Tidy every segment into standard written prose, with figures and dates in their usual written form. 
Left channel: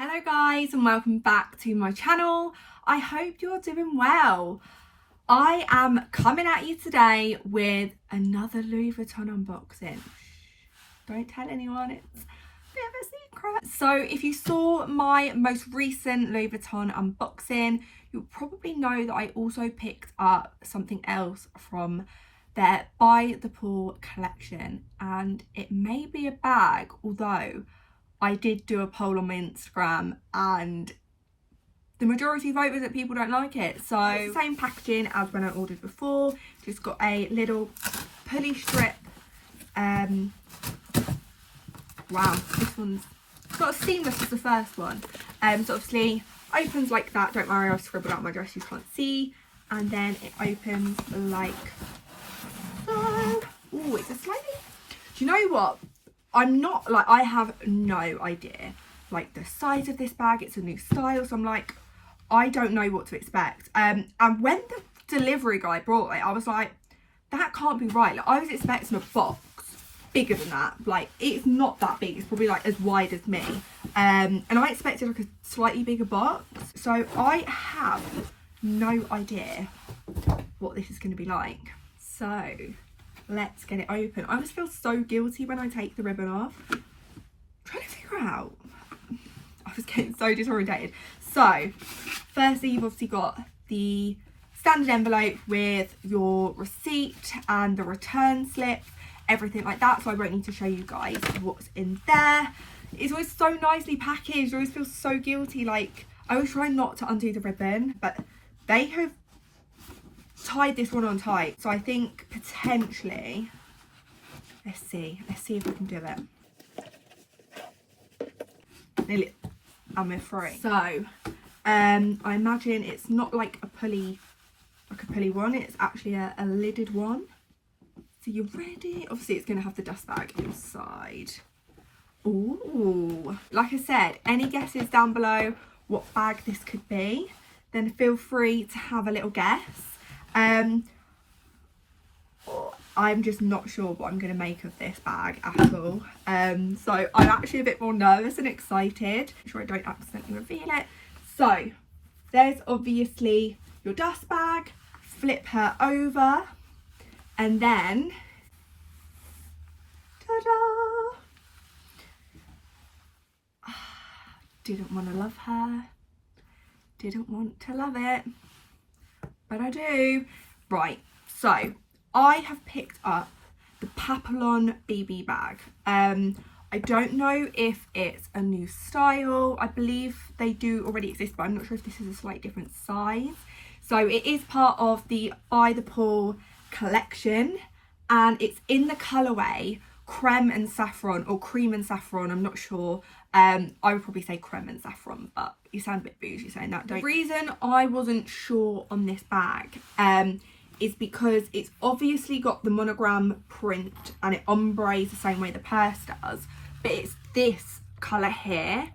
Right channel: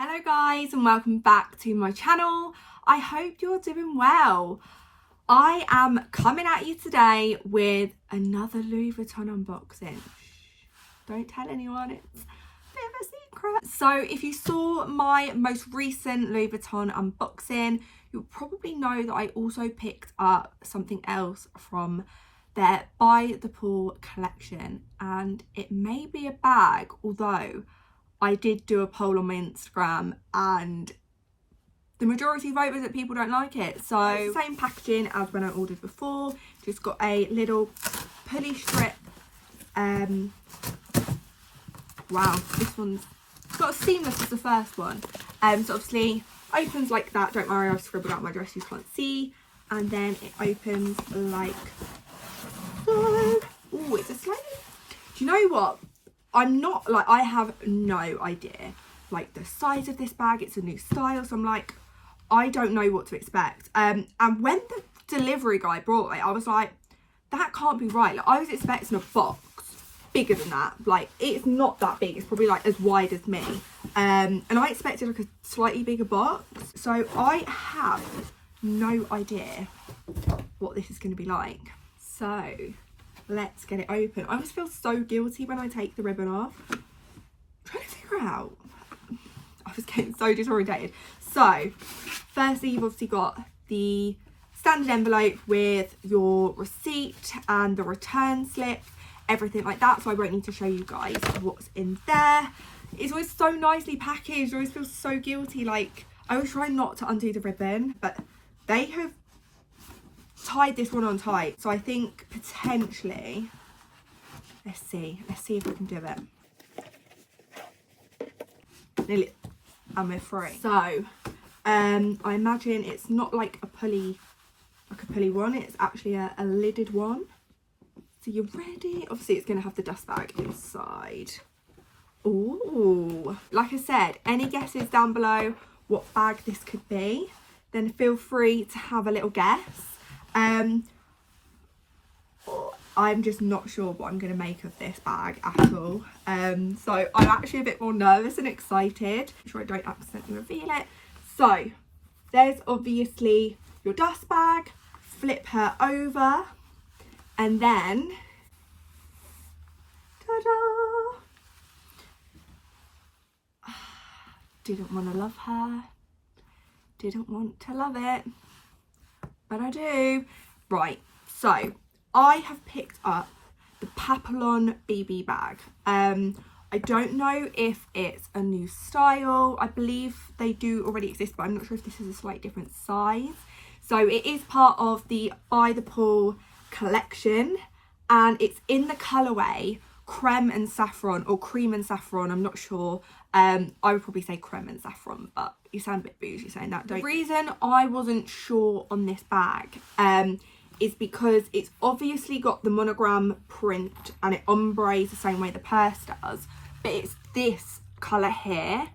Hello guys and welcome back to my channel. I hope you're doing well. I am coming at you today with another Louis Vuitton unboxing. Don't tell anyone, it's a bit of a secret. So if you saw my most recent Louis Vuitton unboxing, you'll probably know that I also picked up something else from their By the Pool collection, and it may be a bag, although I did do a poll on my Instagram and the majority voted that people don't like it. So same packaging as when I ordered before, just got a little pulley strip. Wow, this one's got as seamless as the first one. So obviously opens like that. Don't worry, I've scribbled out my address, you can't see. And then it opens like so. Oh, it's a slightly, do you know what? I'm not like, I have no idea like the size of this bag. It's a new style, so I'm like, I don't know what to expect. And when the delivery guy brought it, I was like, that can't be right. Like, I was expecting a box bigger than that. Like, it's not that big, it's probably like as wide as me. And I expected like a slightly bigger box, so I have no idea what this is going to be like. So let's get it open. I always feel so guilty when I take the ribbon off. I'm trying to figure out. I was getting so disorientated. So, firstly, you've obviously got the standard envelope with your receipt and the return slip, everything like that. So I won't need to show you guys what's in there. It's always so nicely packaged. I always feel so guilty. Like, I always try not to undo the ribbon, but they have tied this one on tight, so I think potentially, let's see if I can do it. Nearly, and we're free. So I imagine it's not like a pulley one, it's actually a lidded one. So you're ready. Obviously it's going to have the dust bag inside. Ooh, like I said, any guesses down below what bag this could be, then feel free to have a little guess. I'm just not sure what I'm going to make of this bag at all. So I'm actually a bit more nervous and excited. I'm sure I don't accidentally reveal it. So there's obviously your dust bag. Flip her over, and then ta-da! Didn't want to love her. Didn't want to love it. But I do. Right, so I have picked up the Papillon BB bag. I don't know if it's a new style. I believe they do already exist, but I'm not sure if this is a slightly different size. So it is part of the By the Pool collection, and it's in the colourway Creme and Safran, or Cream and Safran, I'm not sure. I would probably say Creme and Safran, but you sound a bit bougie saying that, don't you? The reason I wasn't sure on this bag is because it's obviously got the monogram print and it ombres the same way the purse does, but it's this colour here.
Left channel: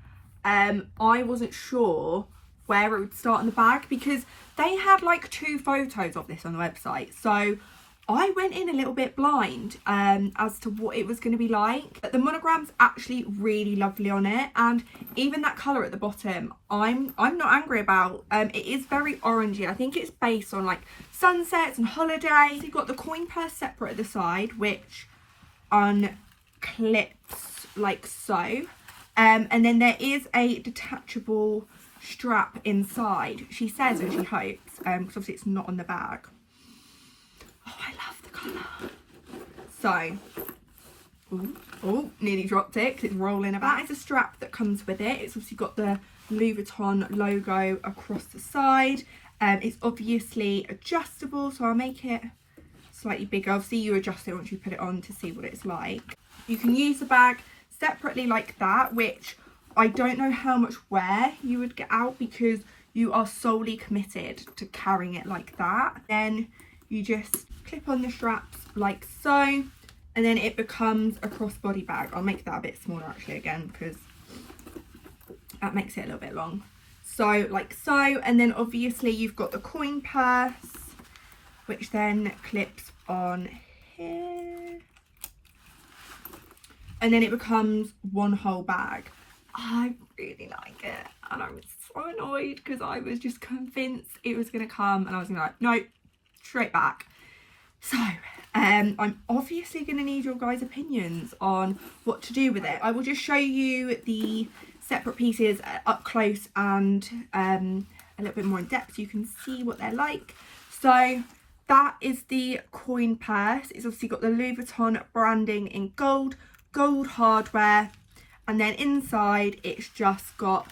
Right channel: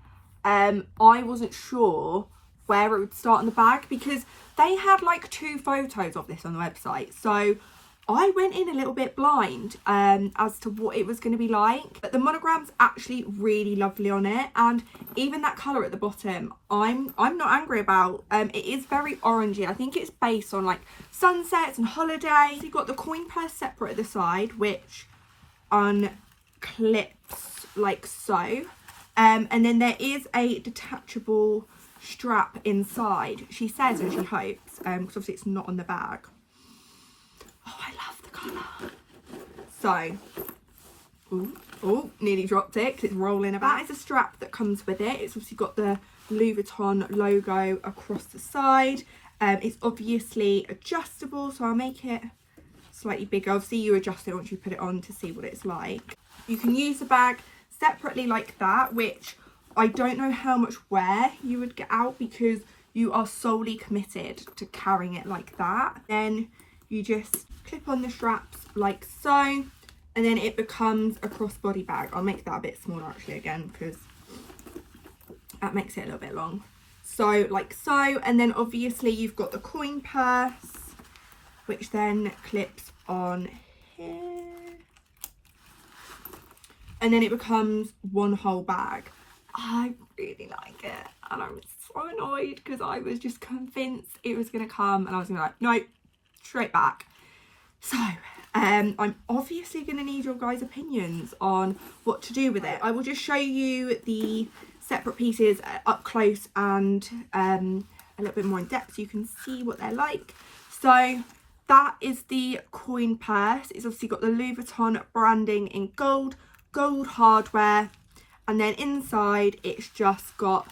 I wasn't sure where it would start on the bag because they had like 2 photos of this on the website, so I went in a little bit blind as to what it was going to be like, but the monogram's actually really lovely on it, and even that colour at the bottom I'm not angry about. It is very orangey. I think it's based on like sunsets and holidays. You've got the coin purse separate at the side, which unclips like so, and then there is a detachable strap inside, she says, and she hopes, because obviously it's not on the bag. Oh, I love the colour. So, oh, nearly dropped it because it's rolling about. That is a strap that comes with it. It's obviously got the Louis Vuitton logo across the side. It's obviously adjustable, so I'll make it slightly bigger. Obviously you adjust it once you put it on to see what it's like. You can use the bag separately like that, which I don't know how much wear you would get out because you are solely committed to carrying it like that. Then you just clip on the straps like so, and then it becomes a crossbody bag. I'll make that a bit smaller actually again because that makes it a little bit long. So like so, and then obviously you've got the coin purse, which then clips on here, and then it becomes one whole bag. I really like it. annoyed because I was just convinced it was going to come and I was going to be like, no, straight back. So I'm obviously going to need your guys' opinions on what to do with it. I will just show you the separate pieces up close and a little bit more in depth so you can see what they're like. So that is the coin purse. It's obviously got the Louis Vuitton branding in gold hardware, and then inside it's just got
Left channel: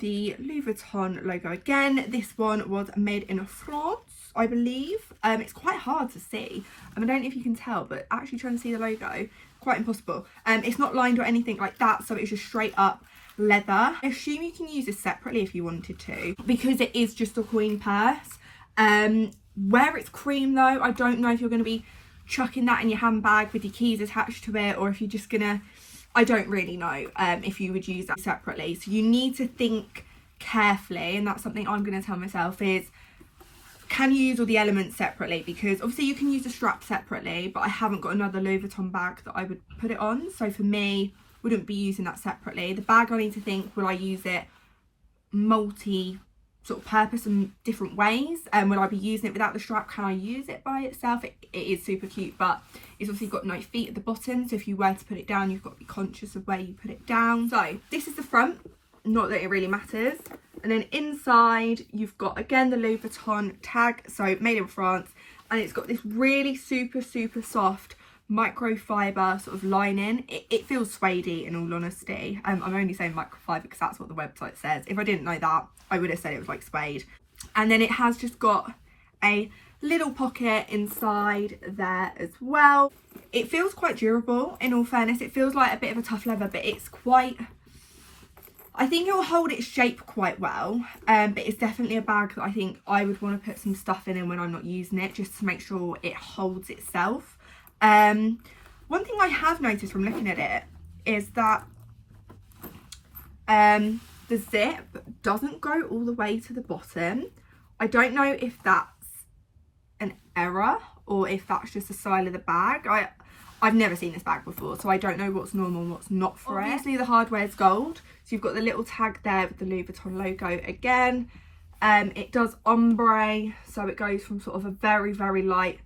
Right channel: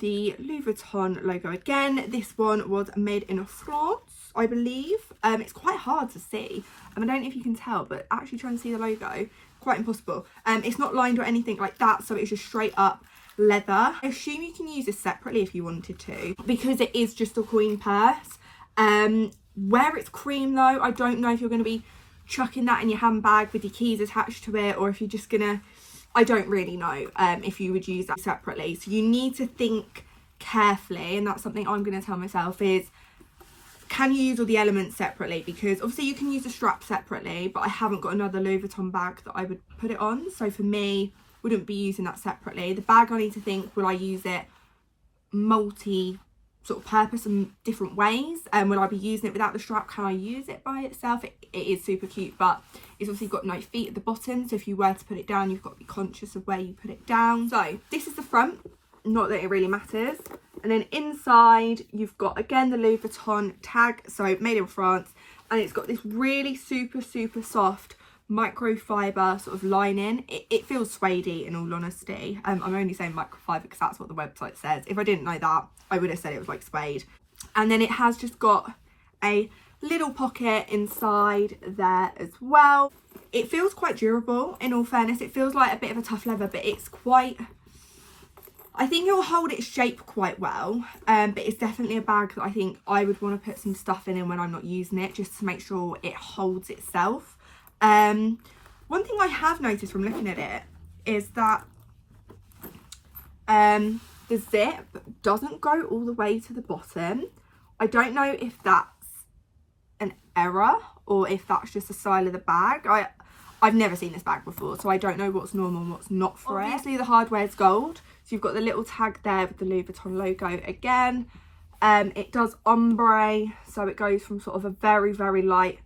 the Louis Vuitton logo again. This one was made in France, I believe. It's quite hard to see. I don't know if you can tell, but actually trying to see the logo, quite impossible. It's not lined or anything like that, so it's just straight up leather. I assume you can use this separately if you wanted to, because it is just a coin purse. Where it's cream though, I don't know if you're going to be chucking that in your handbag with your keys attached to it, or if you're just gonna, I don't really know if you would use that separately. So you need to think carefully, and that's something I'm going to tell myself is, can you use all the elements separately? Because obviously you can use the strap separately, but I haven't got another Louis Vuitton bag that I would put it on. So for me, wouldn't be using that separately. The bag, I need to think, will I use it multi sort of purpose in different ways? And will I be using it without the strap? Can I use it by itself? It is super cute, but it's obviously got no feet at the bottom. So if you were to put it down, you've got to be conscious of where you put it down. So this is the front. Not that it really matters. And then inside you've got again the Louis Vuitton tag, so made in France, and it's got this really super soft microfiber sort of lining. It feels suede-y in all honesty. I'm only saying microfiber because that's what the website says. If I didn't know that, I would have said it was like suede. And then it has just got a little pocket inside there as well. It feels quite durable, in all fairness. It feels like a bit of a tough leather, but it's quite, I think it will hold its shape quite well, but it's definitely a bag that I think I would want to put some stuff in when I'm not using it, just to make sure it holds itself. One thing I have noticed from looking at it is that the zip doesn't go all the way to the bottom. I don't know if that's an error or if that's just the style of the bag. I've never seen this bag before, so I don't know what's normal and what's not for it. Obviously the hardware is gold, so you've got the little tag there with the Louis Vuitton logo again. It does ombre, so it goes from sort of a very light,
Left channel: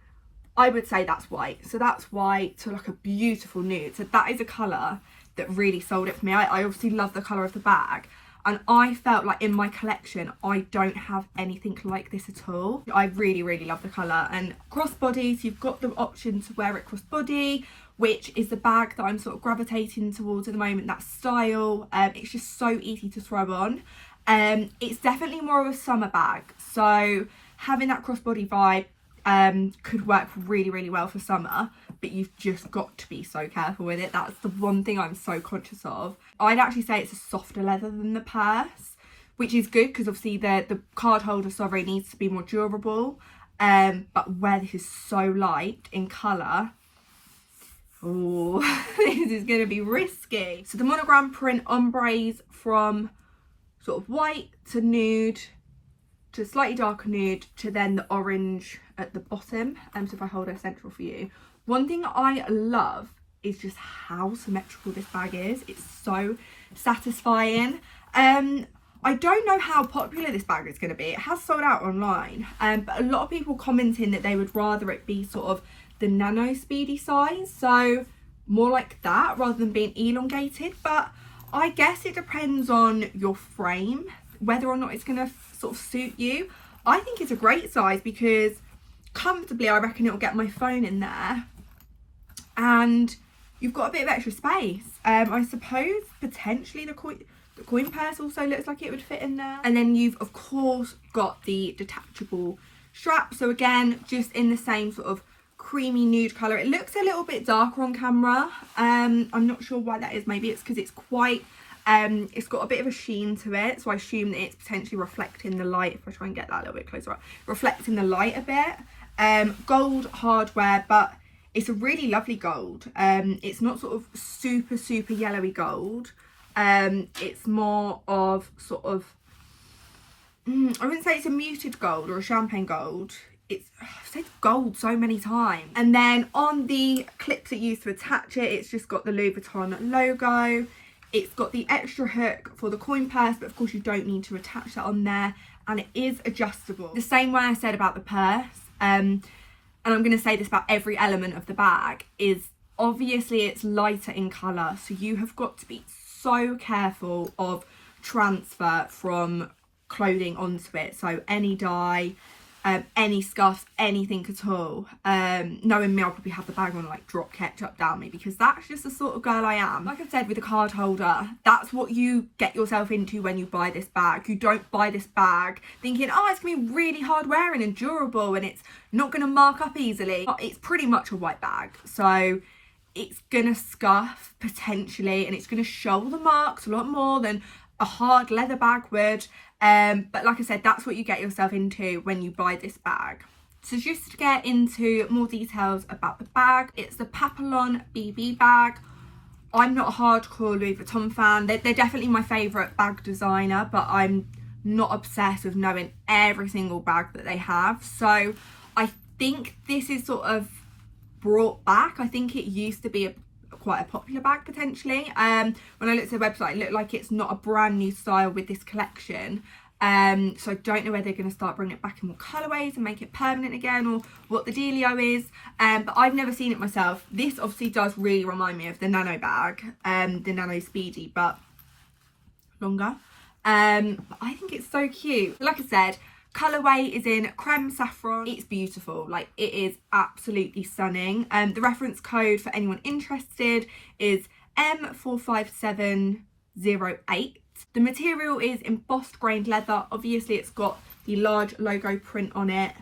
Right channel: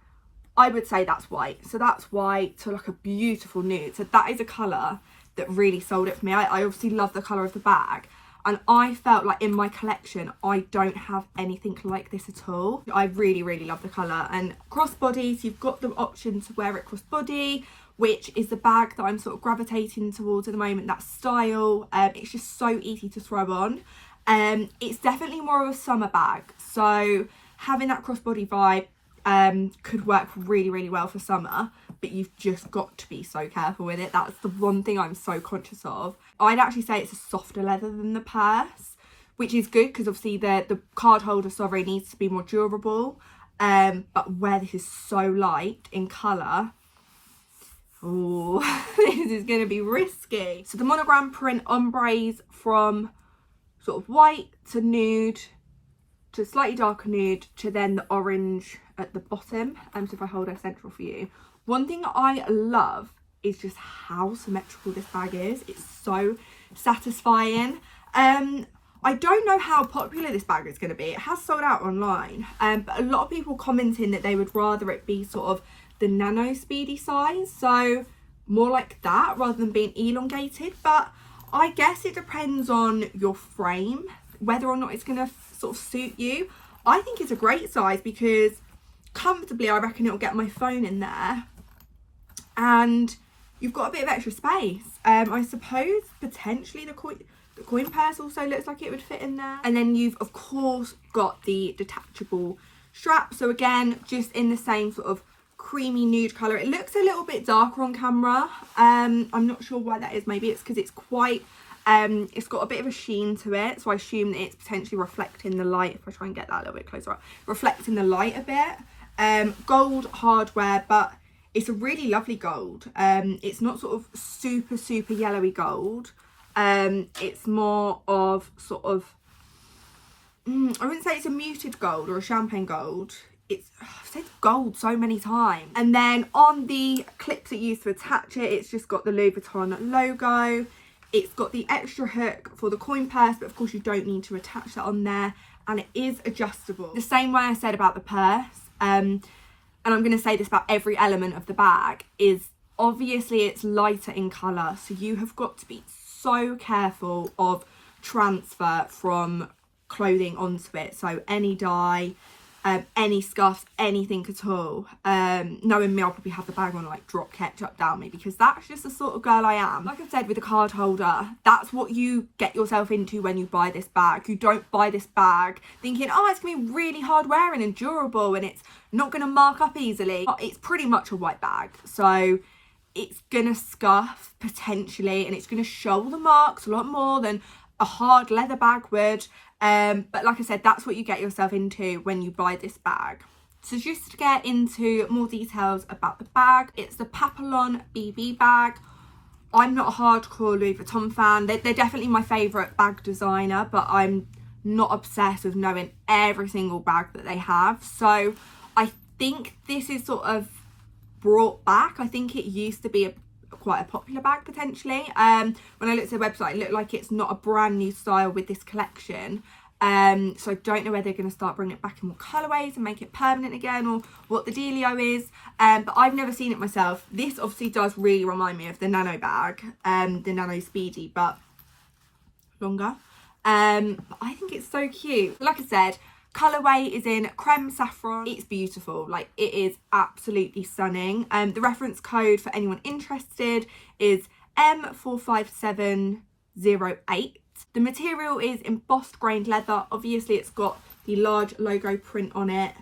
I would say that's white, so that's white to like a beautiful nude. So that is a colour that really sold it for me. I obviously love the colour of the bag, and I felt like in my collection I don't have anything like this at all. I really love the colour. And crossbody, so you've got the option to wear it crossbody, which is the bag that I'm sort of gravitating towards at the moment, that style. It's just so easy to throw on. It's definitely more of a summer bag, so having that crossbody vibe could work really well for summer, but you've just got to be so careful with it. That's the one thing I'm so conscious of. I'd actually say it's a softer leather than the purse, which is good because obviously the card holder, sorry, needs to be more durable, but where this is so light in colour, oh, this is going to be risky. So the monogram print ombres from sort of white to nude to slightly darker nude to then the orange at the bottom. So if I hold it central for you, one thing that I love is just how symmetrical this bag is. It's so satisfying. I don't know how popular this bag is going to be. It has sold out online, but a lot of people commenting that they would rather it be sort of the nano speedy size, so more like that rather than being elongated. But I guess it depends on your frame, whether or not it's going to sort of suit you. I think it's a great size because comfortably I reckon it'll get my phone in there, and you've got a bit of extra space. I suppose potentially the coin purse also looks like it would fit in there. And then you've of course got the detachable strap, so again just in the same sort of creamy nude colour. It looks a little bit darker on camera. I'm not sure why that is. Maybe it's because it's quite it's got a bit of a sheen to it, so I assume that it's potentially reflecting the light. If I try and get that a little bit closer up, reflecting the light a bit. Gold hardware, but it's a really lovely gold. It's not sort of super yellowy gold. It's more of sort of I wouldn't say it's a muted gold or a champagne gold. I've said gold so many times. And then on the clips that you use to attach it, it's just got the Louis Vuitton logo. It's got the extra hook for the coin purse, but of course you don't need to attach that on there, and it is adjustable. The same way I said about the purse, and I'm going to say this about every element of the bag, is obviously it's lighter in colour, so you have got to be so careful of transfer from clothing onto it. So any dye, any scuffs, anything at all. Knowing me, I'll probably have the bag on like drop ketchup down me, because that's just the sort of girl I am. Like I said with the card holder, that's what you get yourself into when you buy this bag. You don't buy this bag thinking, oh, it's gonna be really hard wearing and durable and it's not gonna mark up easily. It's pretty much a white bag, so it's gonna scuff potentially, and it's gonna show the marks a lot more than a hard leather bag would. But like I said, that's what you get yourself into when you buy this bag. So just to get into more details about the bag, it's the Papillon BB bag. I'm not a hardcore Louis Vuitton fan. They're definitely my favourite bag designer, but I'm not obsessed with knowing every single bag that they have. So I think this is sort of brought back. I think it used to be quite a popular bag potentially. When I looked at the website, it looked like it's not a brand new style with this collection. So I don't know whether they're going to start bringing it back in more colourways and make it permanent again, or what the dealio is. But I've never seen it myself. This obviously does really remind me of the Nano bag, the Nano Speedy, but longer. But I think it's so cute. Like I said, colourway is in Créme Safran. It's beautiful, like it is absolutely stunning. The reference code for anyone interested is M45708. The material is embossed grained leather. Obviously it's got the large logo print on it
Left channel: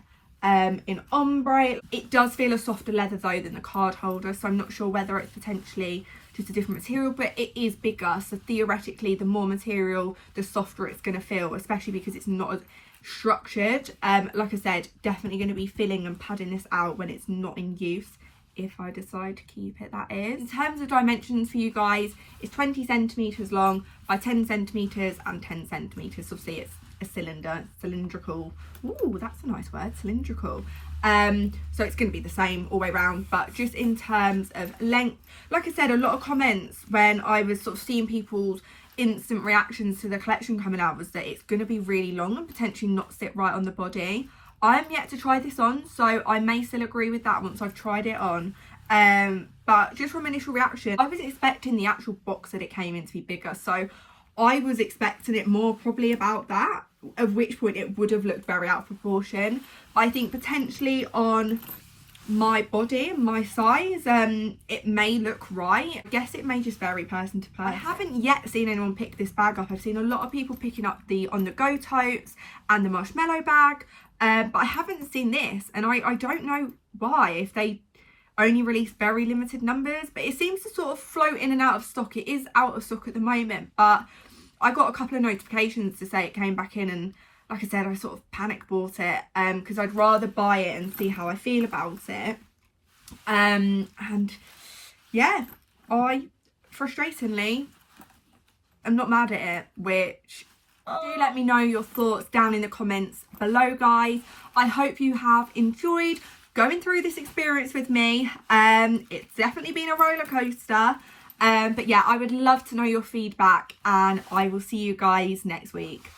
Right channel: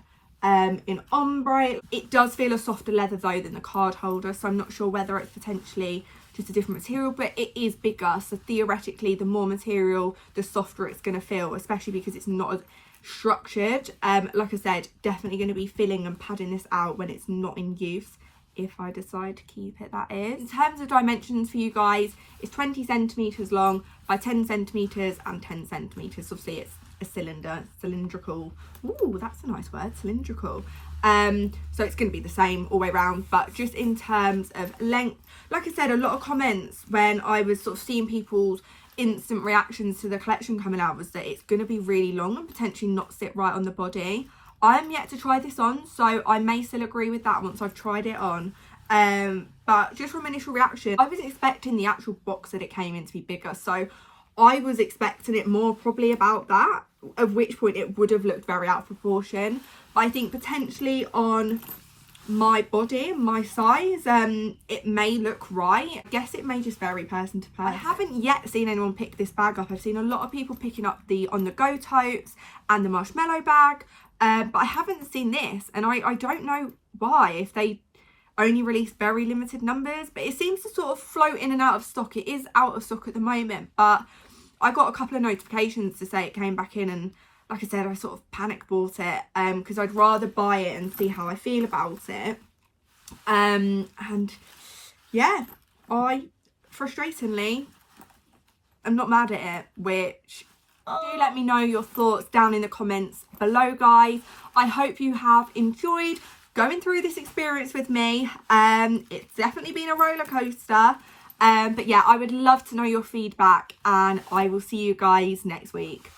in ombre. It does feel a softer leather though than the card holder, so I'm not sure whether it's potentially just a different material, but it is bigger, so theoretically the more material the softer it's going to feel, especially because it's not as structured. Like I said, definitely going to be filling and padding this out when it's not in use, if I decide to keep it, that is. In terms of dimensions for you guys, it's 20 centimetres long by 10 centimetres and 10 centimetres. Obviously it's a cylinder, cylindrical. Ooh, that's a nice word, cylindrical. So it's going to be the same all the way around, but just in terms of length, like I said, a lot of comments when I was sort of seeing people's instant reactions to the collection coming out was that it's going to be really long and potentially not sit right on the body. I am yet to try this on, so I may still agree with that once I've tried it on. But just from initial reaction, I was expecting the actual box that it came in to be bigger, so I was expecting it more probably about that, at which point it would have looked very out of proportion. But I think potentially on my body, my size, it may look right. I guess it may just vary person to person. I haven't yet seen anyone pick this bag up. I've seen a lot of people picking up the on the go totes and the marshmallow bag, but I haven't seen this, and I don't know why, if they only release very limited numbers, but it seems to sort of float in and out of stock. It is out of stock at the moment, but I got a couple of notifications to say it came back in, and like I said, I sort of panic bought it because I'd rather buy it and see how I feel about it. And yeah, I frustratingly am not mad at it, which do let me know your thoughts down in the comments below, guys. I hope you have enjoyed going through this experience with me. It's definitely been a roller coaster. But yeah, I would love to know your feedback, and I will see you guys next week.